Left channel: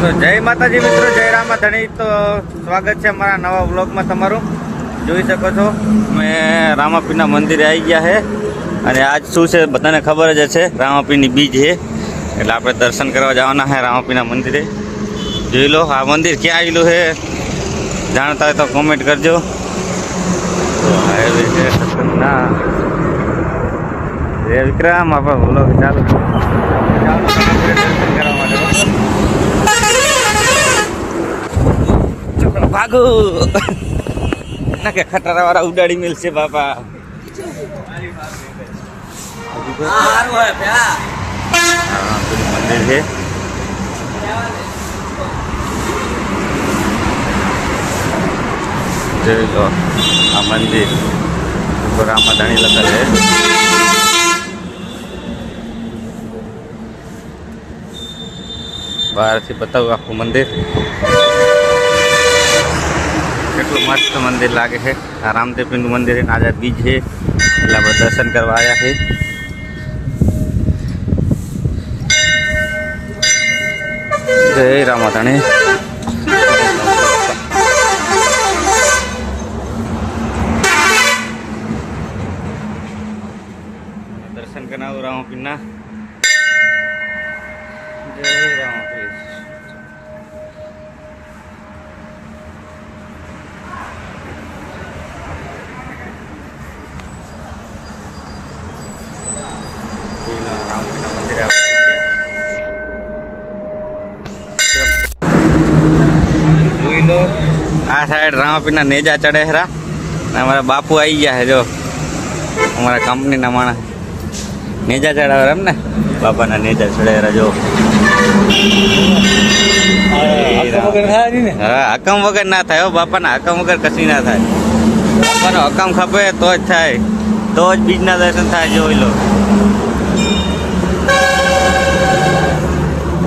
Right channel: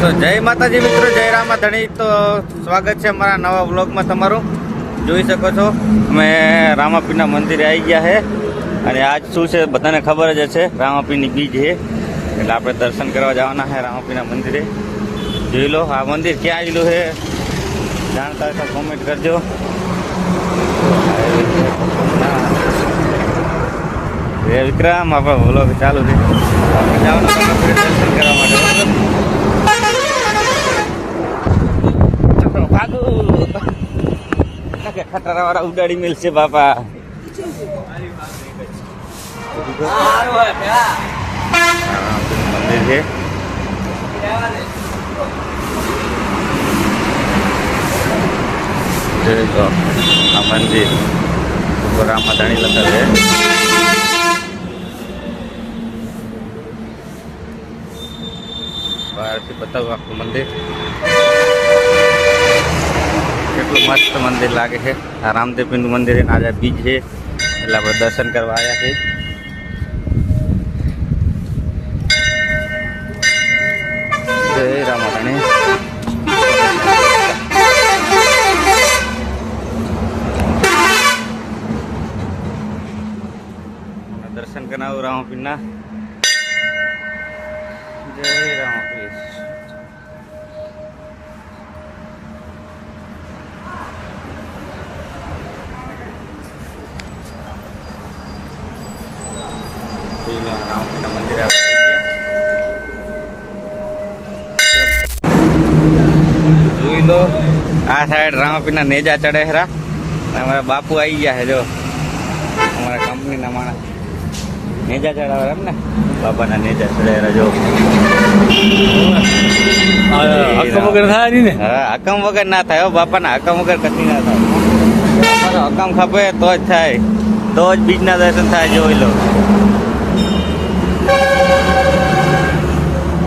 તો જય માતાજી મિત્રો, જય રામાધણી। તો સ્વાગત છે અમારા નવા વ્લોગમાં તમારું। જોઈ શકો છો મેં રામાપીરના મંદિરે આવી ગયા છે અને આજ શું છે બધાને ખબર જ છે, રામાપીરની બીજ છે એટલે આપણે દર્શન કરવા જવાના છે રામાપીરના મંદિરે। જોઈ લો આ મંદિર ક્યાં આવેલું છે, જાણતા હોય તો કોમેન્ટ કરજો। જય વિક્રમ, આપણો વ્લોગ ચાલુ છે, જવાનું રામાપીરે દર્શન કરવા માટે। ભાગો ના કે ખટારા વાળા ઉડાડી મેલશે બાપા। મંદિર છે, જોઈ લો આ મંદિર ઉપર રામાધણી લખેલ છે। બહારથી બતાવું આખું મંદિર, કેટલું મસ્ત મંદિર લાગે છે। આ રામદેવપીરનું મંદિર છે, આજે બીજ છે એટલે આપણે દર્શન કરવા આવ્યા છીએ। જય રામાધણી। દર્શન કરાવું રામાપીરના। જય રામાપીર। રામાપીરના મંદિરે જોઈ લો આ સાઈડ રામાપીરના નેજા ચડે ખરા। અમારા બાપુ આવી ગયા છે, જો અમારા કંપનીના માણસ નેજા ચડાવે એમ ને, બાપાના નેજા ચડે જો। હા હકમ વગર ના થાય હો, બાપાના હકમ વગર કશું ના થાય। બાપાનો હકમ ખપે તો જ થાય, તો જ બીજના દર્શન થાય। જોઈ લો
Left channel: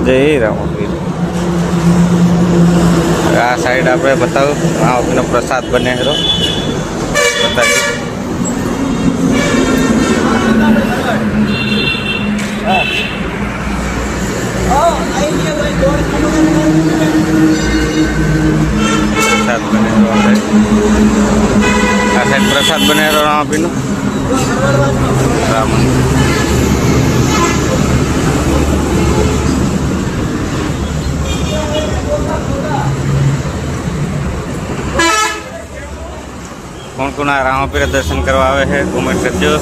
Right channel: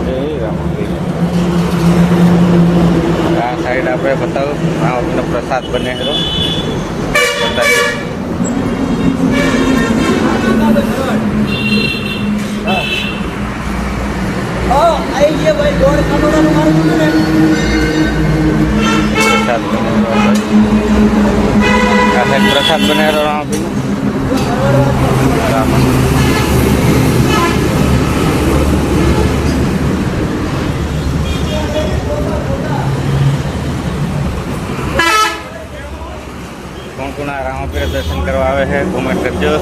જય રામાપીર। આ સાઈડ આપણે બતાવું રામાપીરનો પ્રસાદ બને ખરો, બતાવી પ્રસાદ બને આ સાઈડ પ્રસાદ બને રામાપીરનું રામ મંદિર। કોણ કોણ આ રામાપીર દર્શન કરવા આવે છે કોમેન્ટ કરજો।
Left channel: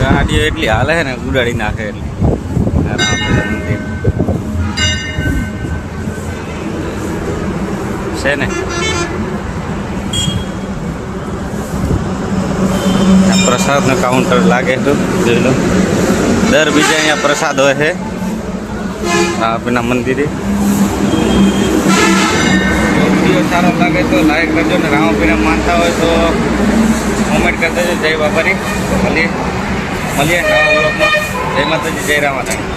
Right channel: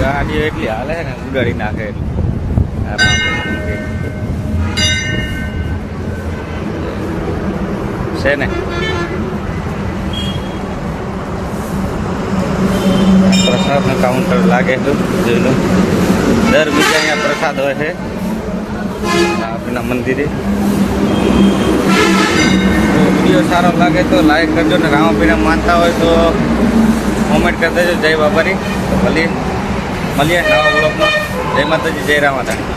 ગાડીઓ એટલી હાલે છે ને ઉડાડી નાખે એટલે રામાપીર મંદિર છે ને। પ્રસાદનું કાઉન્ટર લાગે તો જોઈ લો, દર બીજા અહીંયા પ્રસાદ હોય છે રામાપીરના મંદિરે। વિડીયો સારો લાગે તો લાઈક કરજો ને રામાપીરને માનતા હોય તો કોમેન્ટ કરી દેજો। જય બાબાની। તો મળીએ નવા વ્લોગમાં। જય માતાજી, જય રામાધણી।